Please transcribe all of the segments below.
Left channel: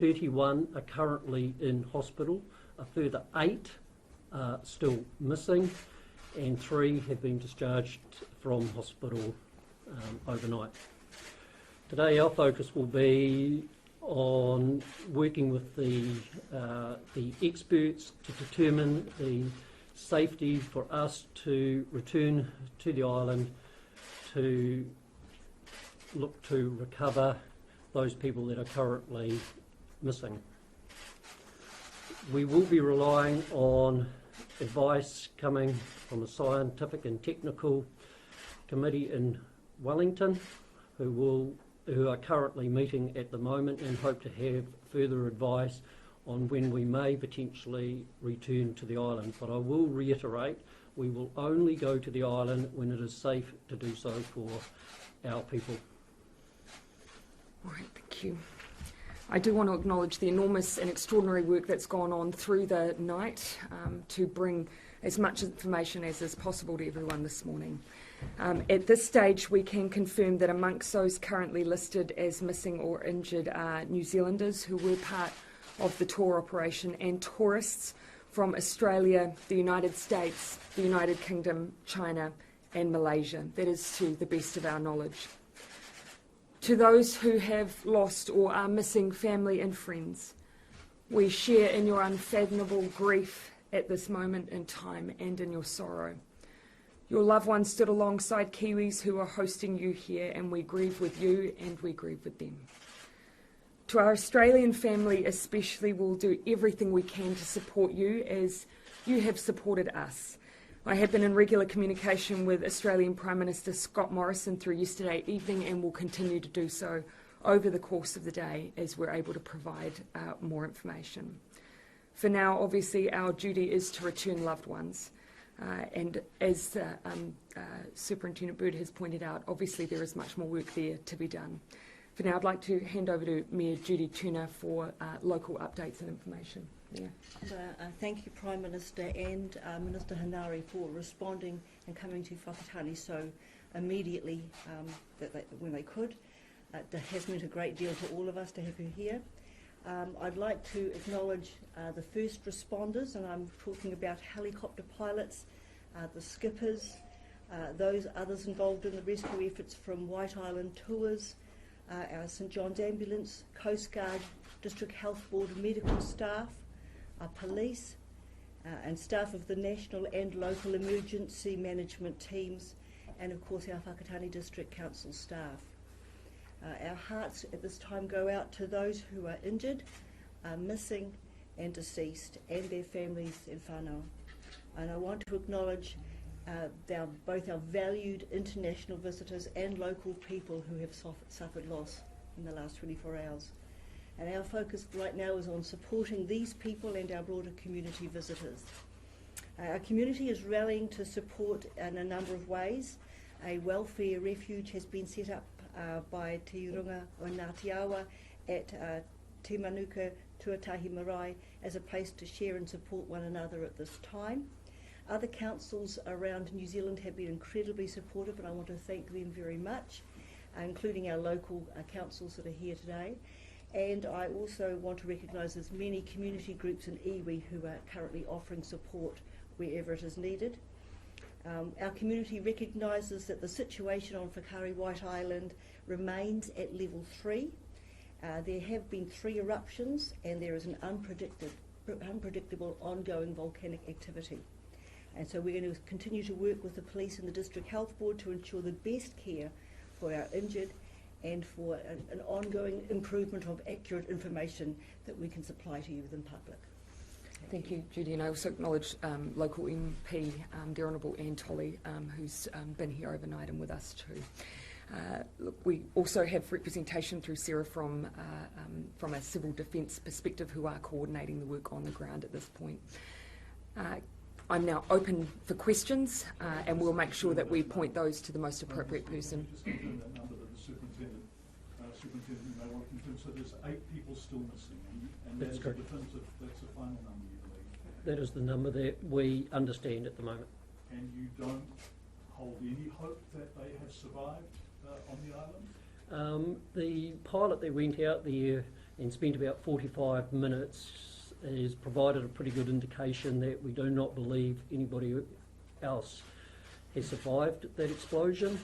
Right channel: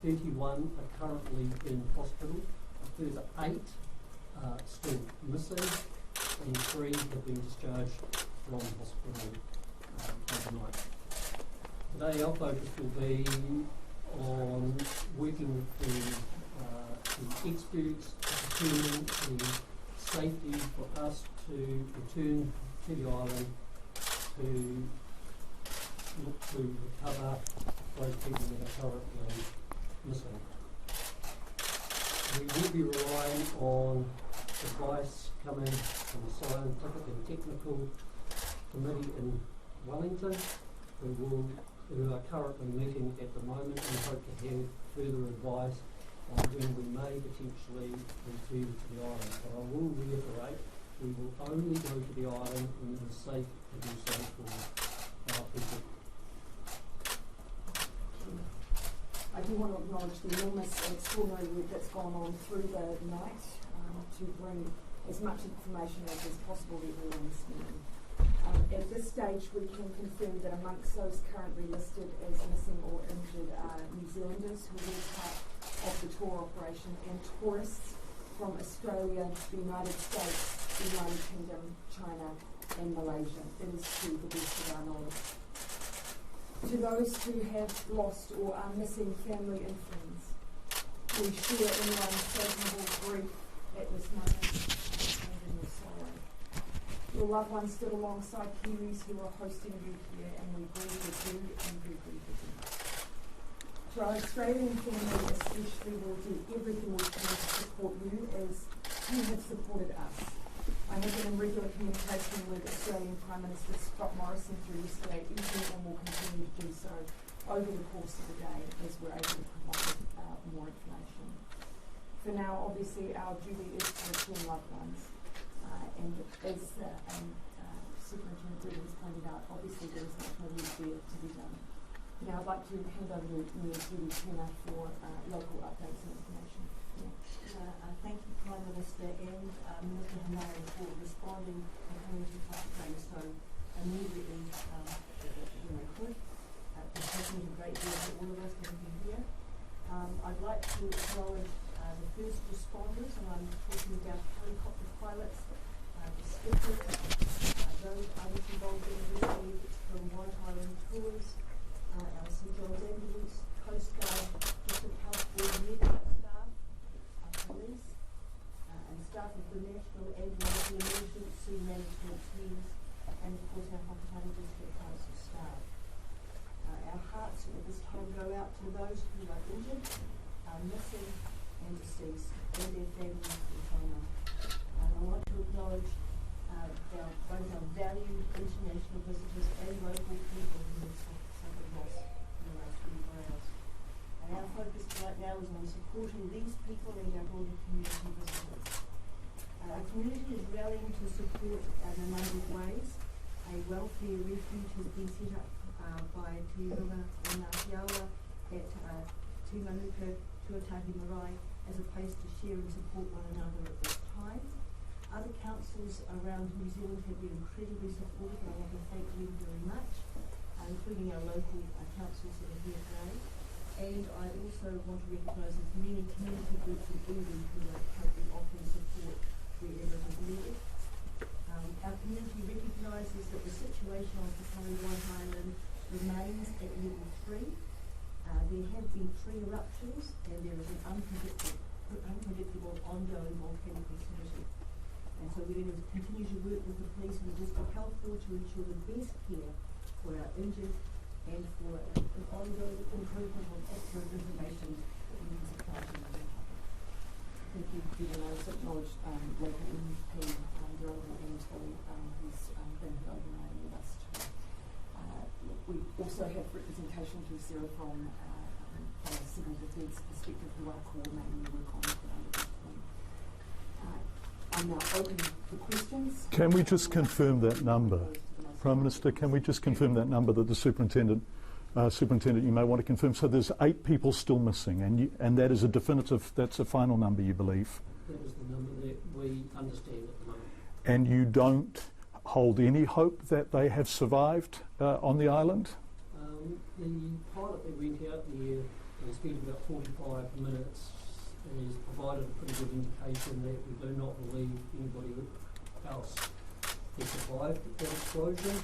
31 are currently in hospital, a further 8 are still missing, and 3 have been discharged from hospital overnight. Today our focus will be on working with the experts to determine the safety for us to return to the island to look to recover those people that are currently missing. We will be relying on advice coming from a scientific and technical committee in Wellington who are currently meeting at the moment and hope to have further advice on when we may potentially return to the island. But I will reiterate, we will only go to the island when it is safe to do so for our people. All right, thank you. I do want to acknowledge the enormous and extraordinary work that's gone on through the night to bring as much information as is possible to everyone this morning. At this stage, we can confirm that amongst those currently listed as missing or injured are New Zealanders who were part of the tour operation and tourists from Australia, the United States, the United Kingdom, China and Malaysia. That is to the best of our knowledge. To those who have lost or are missing family and friends, we share in your unfathomable grief at this moment in time and in your sorrow. Your loved ones stood alongside Kiwis who are hosting you here, and we grieve with you and we grieve with them. To our Australian family especially, we'll do everything we can to support you as you have supported us. I have been in regular communication with Australian Prime Minister Scott Morrison through yesterday evening and will continue to do so over the course of the day as we're able to provide more information. For now, obviously, our duty is to return loved ones. And as Superintendent Bird has pointed out, obviously there is much more work there to be done. For now, I'd like to hand over to Mayor Judy Turner for local updates and information. Yeah. Thank you, Prime Minister and Minister Hanare, for responding and coming to Whakatane so immediately when they could. That has meant a great deal for all of us to have her here. I'd like to acknowledge the first responders, and I'm talking about helicopter pilots, the skippers, those others involved in the rescue efforts from White Island Tours, our St John's Ambulance, Coast Guard, District Health Board medical staff, our police, and staff of the national and local emergency management teams, and of course our Whakatane District Council staff. Our hearts at this time go out to those who are injured, missing and deceased, and their families in whānau. And I want to acknowledge both our valued international visitors and local people who have suffered loss in the last 24 hours. And our focus right now is on supporting these people and our broader community visitors. Our community is rallying to support in a number of ways. A welfare refuge has been set up by Te Urunga o Ngāti Awa at Te Manuka Tuatahi Marae as a place to share and support one another at this time. Other councils around New Zealand have been incredibly supportive, and I want to thank them very much, including our local councils that are here today. And I also want to recognise there's many community groups in iwi who are currently offering support wherever it is needed. Our community recognises that the situation on Whakari White Island remains at level 3. There have been 3 eruptions and there is an unpredictable ongoing volcanic activity. And so we're going to continue to work with the police and the District Health Board to ensure the best care for our injured and for an ongoing improvement of accurate information that we can supply to you, the public. Thank you, Judy, and I also acknowledge local MP, the Honourable Anne Tolley, who's been here overnight and with us too. Look, we also have representation through Sarah from a civil defence perspective who are coordinating the work on the ground at this point. I'm now open for questions. Can we just we'll confirm make sure that we number? point those to the most Prime appropriate Minister, can person. we just confirm that number that the Superintendent, you may want to confirm? So there's 8 people still missing, and that is a definitive, that's a final number, you believe? That is the number that we understand at the moment. And you don't hold any hope that they have survived on the island? The pilot that went out there and spent about 45 minutes, has provided a pretty good indication that we do not believe anybody else has survived that explosion.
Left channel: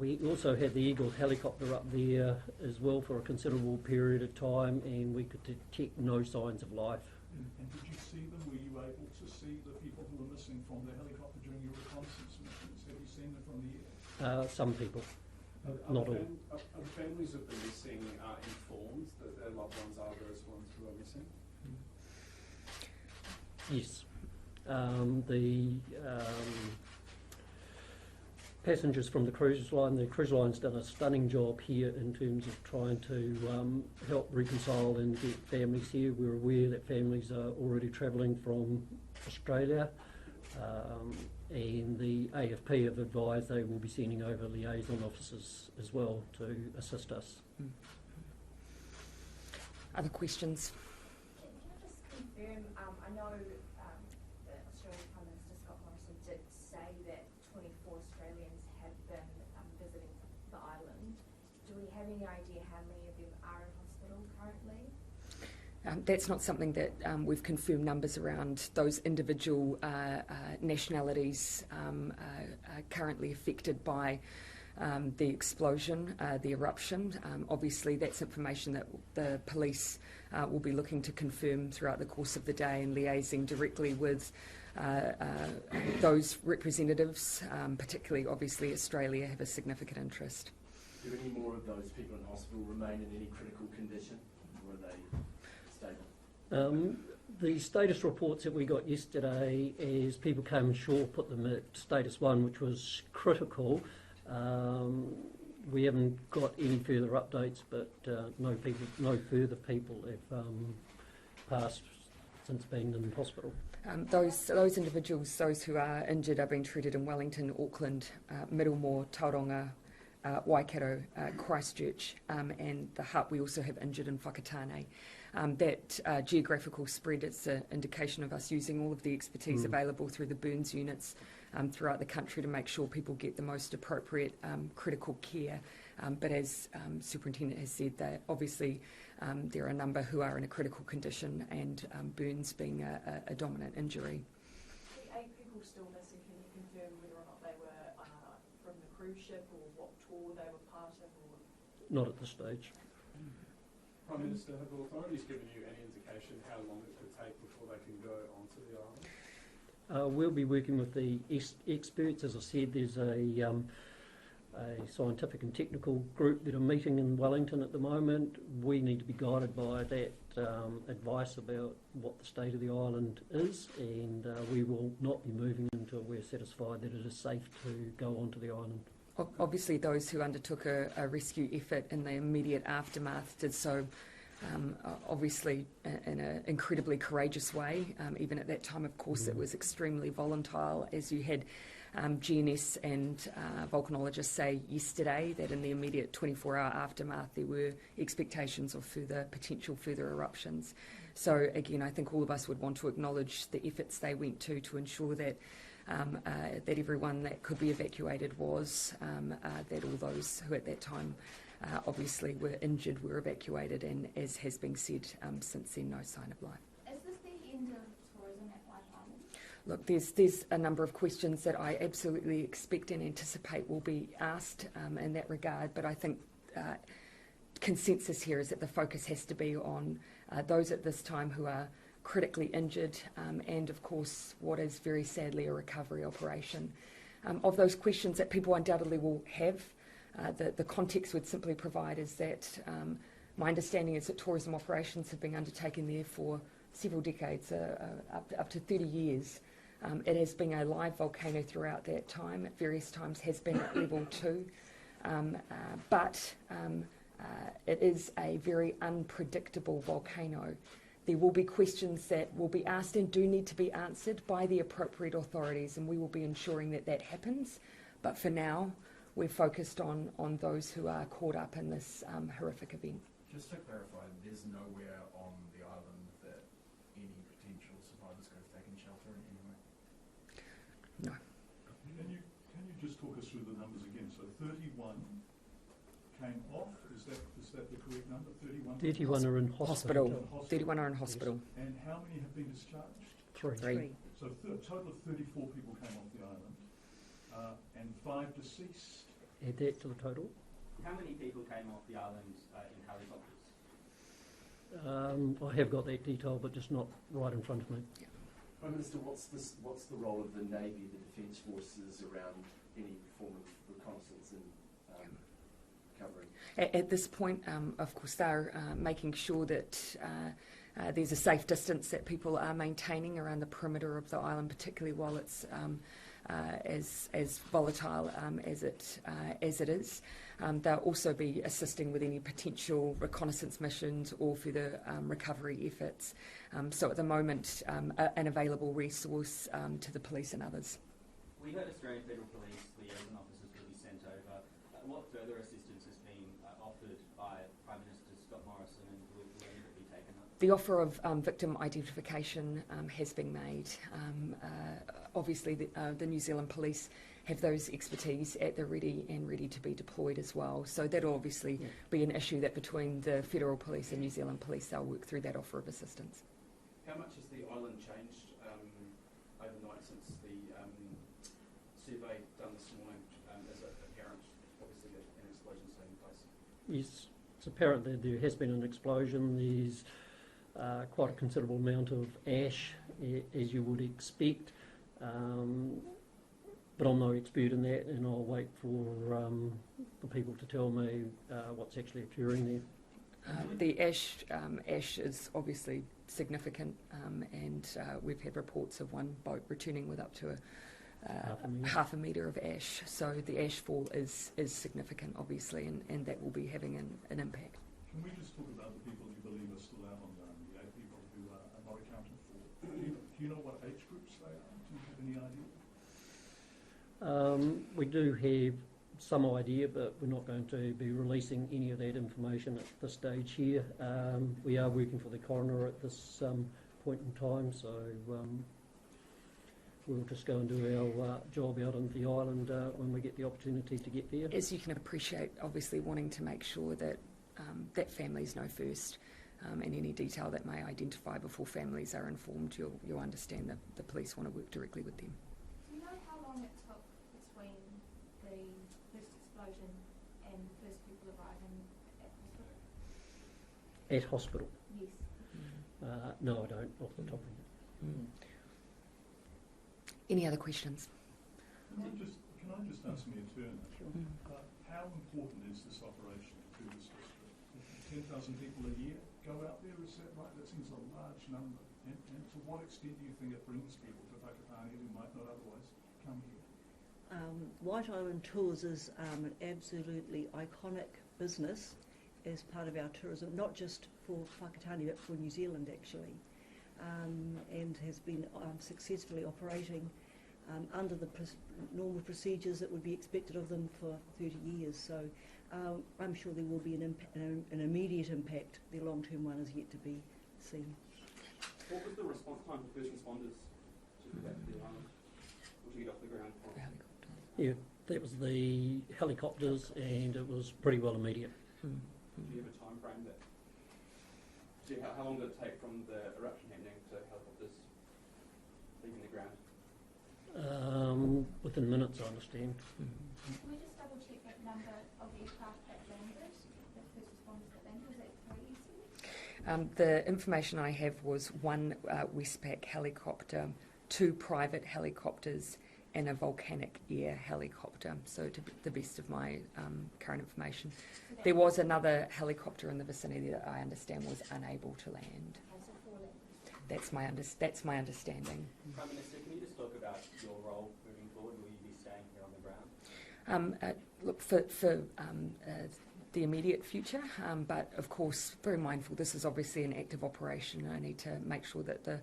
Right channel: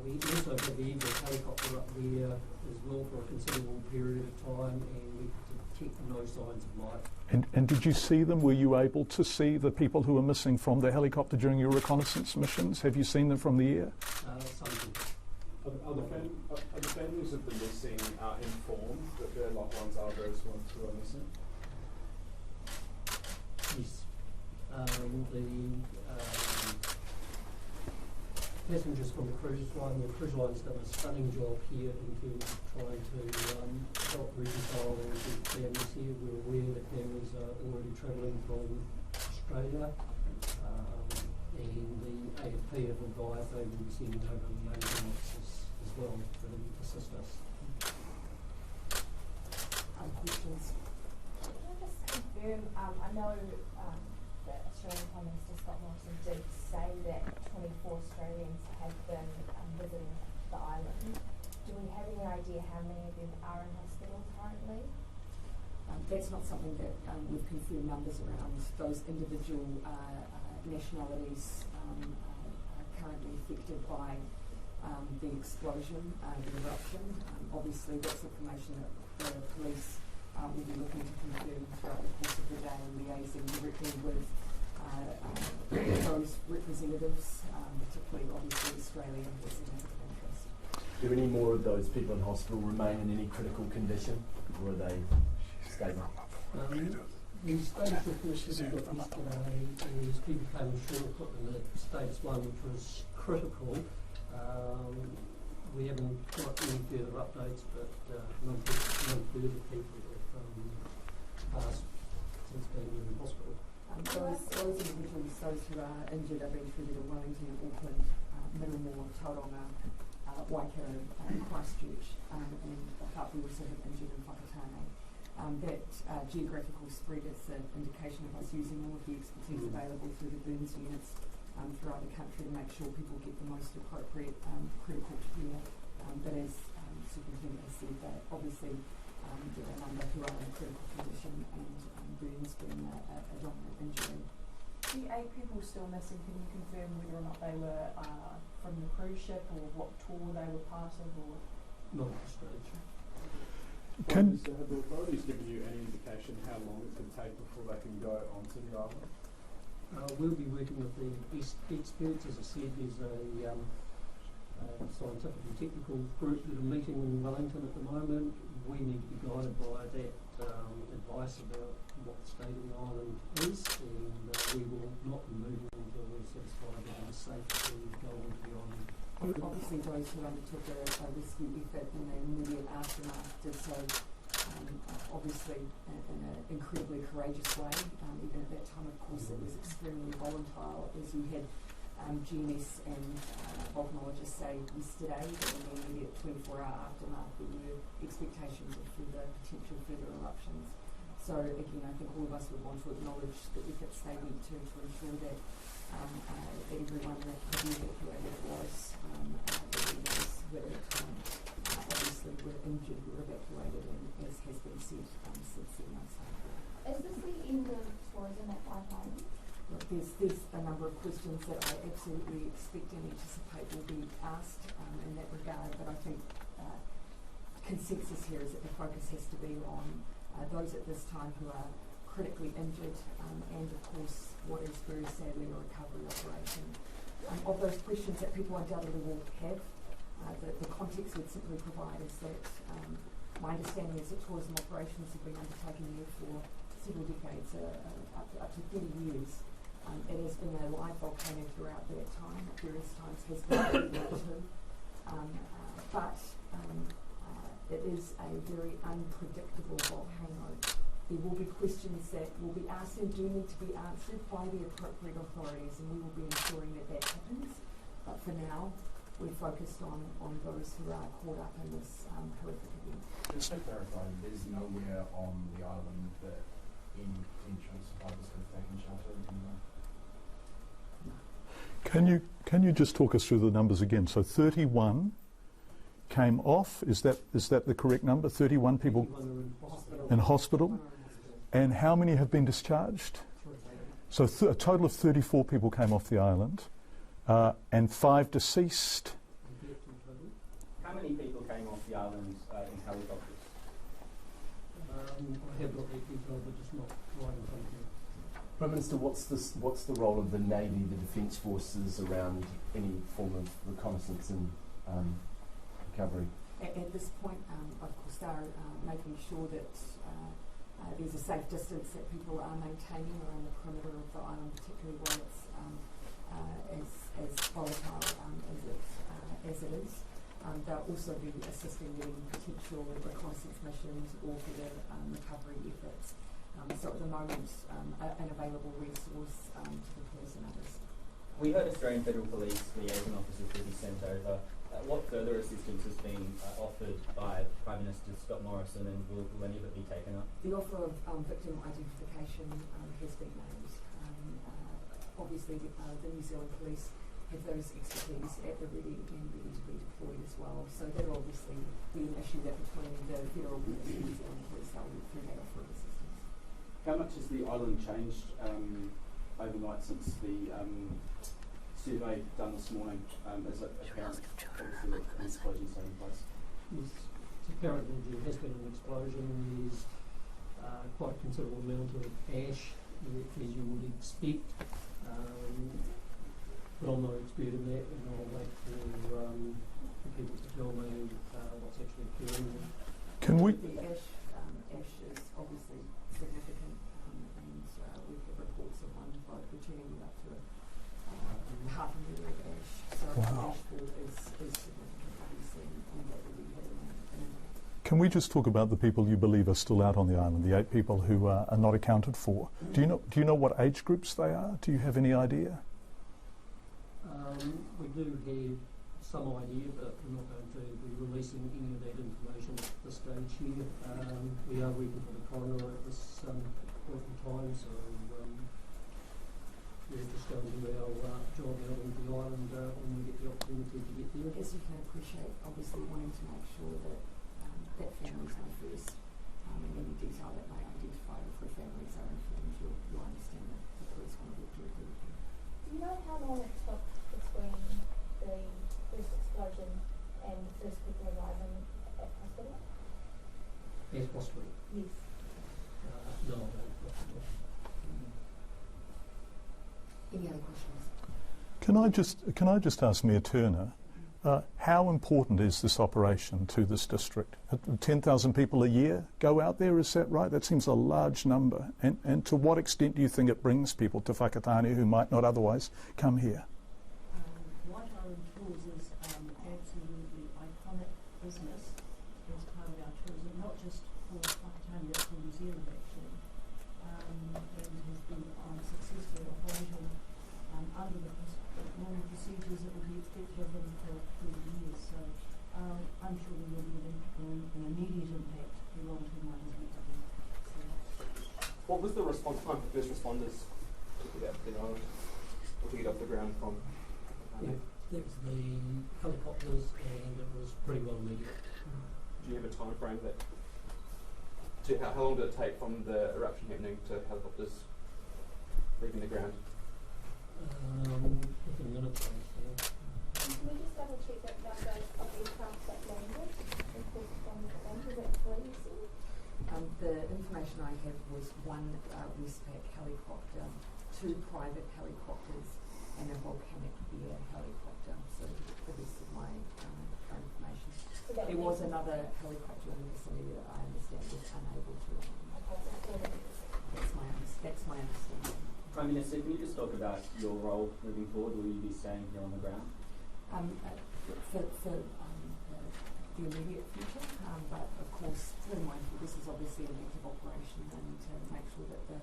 We also had the Eagle helicopter up there as well for a considerable period of time, and we could detect no signs of life. And did you see them? Were you able to see the people who were missing from the helicopter during your reconnaissance missions? Have you seen them from the air? Some people. Are the families of the missing informed that their loved ones are those ones who are missing? Yes. The passengers from the cruise line's done a stunning job here in terms of trying to help reconcile and get families here. We're aware that families are already travelling from Australia, and the AFP have advised they will be sending over liaison officers as well to assist us. Other questions? Can I just confirm, I know that Australian Prime Minister Scott Morrison did say that 24 Australians have been visiting the island. Do we have any idea how many of them are in hospital currently? That's not something that we've confirmed numbers around. Those individual nationalities currently affected by the explosion, the eruption. Obviously, that's information that the police will be looking to confirm throughout the course of the day and liaising directly with those representatives, particularly obviously Australia, have a significant interest. Do any more of those people in hospital remain in any critical condition, or are they stable? The status reports that we got yesterday is people came ashore, put them at status 1, which was critical. We haven't got any further updates, but no further people have passed since being in hospital. Those individuals, those who are injured, are being treated in Wellington, Auckland, Middlemore, Tauranga, Waikato, Christchurch, and the hut. We also have injured in Whakatane. That geographical spread is an indication of us using all of the expertise available through the burns units throughout the country to make sure people get the most appropriate critical care. But as Superintendent has said, that obviously there are a number who are in a critical condition, and burns being a dominant injury. The 8 people still missing, can you confirm whether or not they were from the cruise ship or what tour they were part of? Or? Not at this stage. Have the authorities given you any indication how long it could take before they can go onto the island? We'll be working with the experts. As I said, there's a scientific and technical group that are meeting in Wellington at the moment. We need to be guided by that advice about what the state of the island is, and we will not be moving until we're satisfied that it is safe to go onto the island. Obviously, those who undertook a rescue effort in the immediate aftermath did so obviously in an incredibly courageous way. Even at that time, of course, it was extremely volatile, as you had GNS and volcanologists say yesterday that in the immediate 24-hour aftermath there were expectations of potential further eruptions. So again, I think all of us would want to acknowledge the efforts they went to ensure that that everyone that could be evacuated was, that all those who at that time obviously were injured were evacuated, and as has been said, since then no sign of life. Is this the end of tourism at Whakatane? Look, there's a number of questions that I absolutely expect and anticipate will be asked in that regard, but I think consensus here is that the focus has to be on those at this time who are critically injured, and of course what is very sadly a recovery operation. Of those questions that people undoubtedly will have, the context would simply provide is that my understanding is that tourism operations have been undertaken there for several decades, up to 30 years. It has been a live volcano throughout that time, at various times has been credible too, but it is a very unpredictable volcano. There will be questions that will be asked and do need to be answered by the appropriate authorities, and we will be ensuring that that happens. But for now, we're focused on those who are caught up in this horrific event. Just to clarify, there's nowhere on the island that any potential survivors could have taken shelter anywhere? No. Can you just talk us through the numbers again? So 31 came off. Is that the correct number? 31 people 31 are in hospital. in hospital. 31 are in hospital. And how many have been discharged? 3. So a total of 34 people came off the island, and 5 deceased. Add that to the total. How many people came off the island in helicopters? I have got that detail, but just not right in front of me. Prime Minister, what's the role of the Navy, the Defence Forces around any form of reconnaissance and recovery? At this point, of course, they're making sure that there's a safe distance that people are maintaining around the perimeter of the island, particularly while it's as volatile as it is. They'll also be assisting with any potential reconnaissance missions or further recovery efforts. So at the moment, an available resource to the police and others. We heard Australian Federal Police liaison officers will be sent over. What further assistance has been offered by Prime Minister Scott Morrison, and will any of it be taken up? The offer of victim identification has been made. Obviously, the New Zealand Police have those expertise at the ready and ready to be deployed as well. So that'll obviously be an issue that between the Federal Police and New Zealand Police, they'll work through that offer of assistance. How much has the island changed overnight since the survey done this morning? Is it apparent, obviously, that an explosion's taking place? Yes, it's apparent that there has been an explosion. There's quite a considerable amount of ash, as you would expect. But I'm no expert in that, and I'll wait for the people to tell me what's actually occurring there. Can we? The ash is obviously significant, and we've had reports of one boat returning with up to half a metre of ash. So the ash fall is significant, obviously, and that will be having an impact. Can we just talk about the people you believe are still out on the island, the 8 people who are not accounted for? Do you know what age groups they are? Do you have any idea? We do have some idea, but we're not going to be releasing any of that information at this stage here. We are working for the coroner at this point in time, so we're just going to do our job out on the island when we get the opportunity to get there. As you can appreciate, obviously wanting to make sure that that families know first, and any detail that may identify before families are informed, you'll understand that the police want to work directly with them. Do you know how long it took between the first explosion and the first people arriving at hospital? At hospital? Yes. No, I don't. Off the top. Any other questions? Can I just ask Mayor Turner, how important is this operation to this district? 10,000 people a year go out there, is that right? That seems a large number. And to what extent do you think it brings people to Whakatane who might not otherwise come here? White Island Tours is an absolutely iconic business as part of our tourism, not just for Whakatane but for New Zealand actually, and has been successfully operating under the normal procedures that will be expected of them for 30 years. So I'm sure there will be an immediate impact. The long-term one is yet to be seen. What was the response time for first responders to get out to the island or to get off the ground from? Yeah, that was the helicopters, and it was pretty well immediate. Did you have a time frame that? How long did it take from the eruption happening to helicopters leaving the ground? Within minutes, I understand. Can we just double check that number of aircraft that landed? The first one that landed, is that 3 you said? The information I have was 1 Westpac helicopter, 2 private helicopters, and a volcanic air helicopter. So to the best of my current information. So there was another helicopter in the vicinity that I understand was unable to land. That's my understanding. Prime Minister, can you just talk about your role moving forward? Will you be staying here on the ground? Look, for the immediate future, but of course very mindful this is obviously an active operation. I need to make sure that the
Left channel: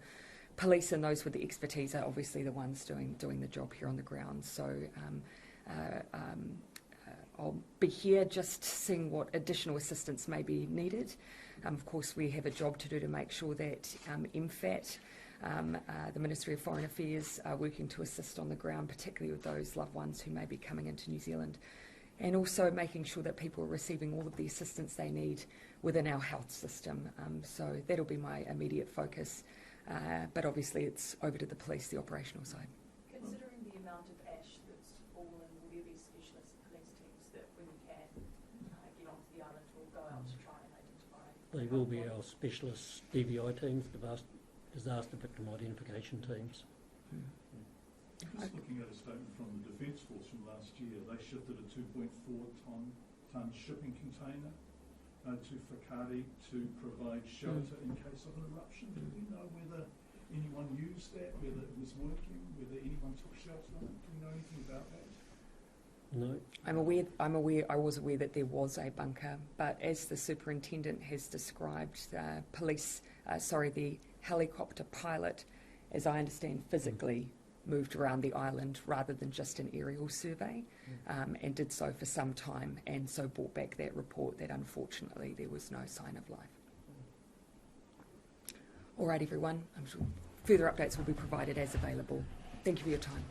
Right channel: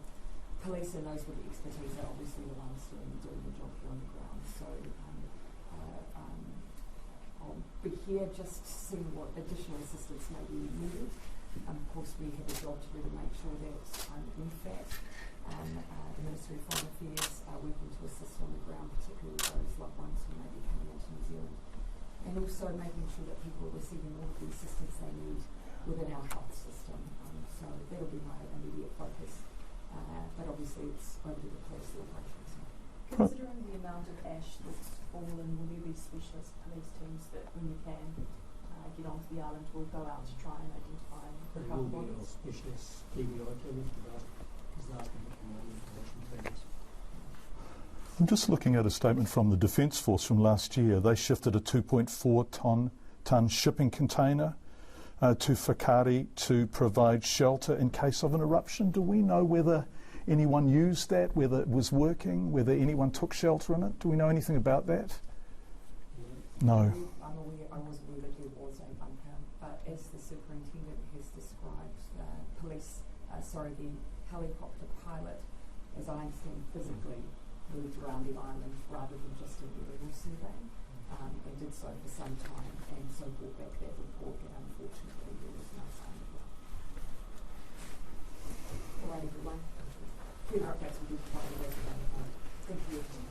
police and those with the expertise are obviously the ones doing the job here on the ground. So I'll be here just seeing what additional assistance may be needed. Of course, we have a job to do to make sure that MFAT, the Ministry of Foreign Affairs, are working to assist on the ground, particularly with those loved ones who may be coming into New Zealand. and also making sure that people are receiving all of the assistance they need within our health system. So that'll be my immediate focus, but obviously it's over to the police, the operational side. Considering the amount of ash that's fallen, will there be specialist police teams that, when we can, get onto the island, will go out to try and identify? They will be our specialist DBI teams, disaster victim identification teams. I'm just looking at a statement from the Defence Force from last year. They shifted a 2.4 tonne shipping container to Whakatane to provide shelter in case of an eruption. Do we know whether anyone used that, whether it was working, whether anyone took shelter in it? Do we know anything about that? No. I was aware that there was a bunker, but as the superintendent has described, the helicopter pilot, as I understand, physically moved around the island rather than just an aerial survey, and did so for some time, and so brought back that report that unfortunately there was no sign of life. All right, everyone. I'm sure further updates will be provided as available. Thank you for your time.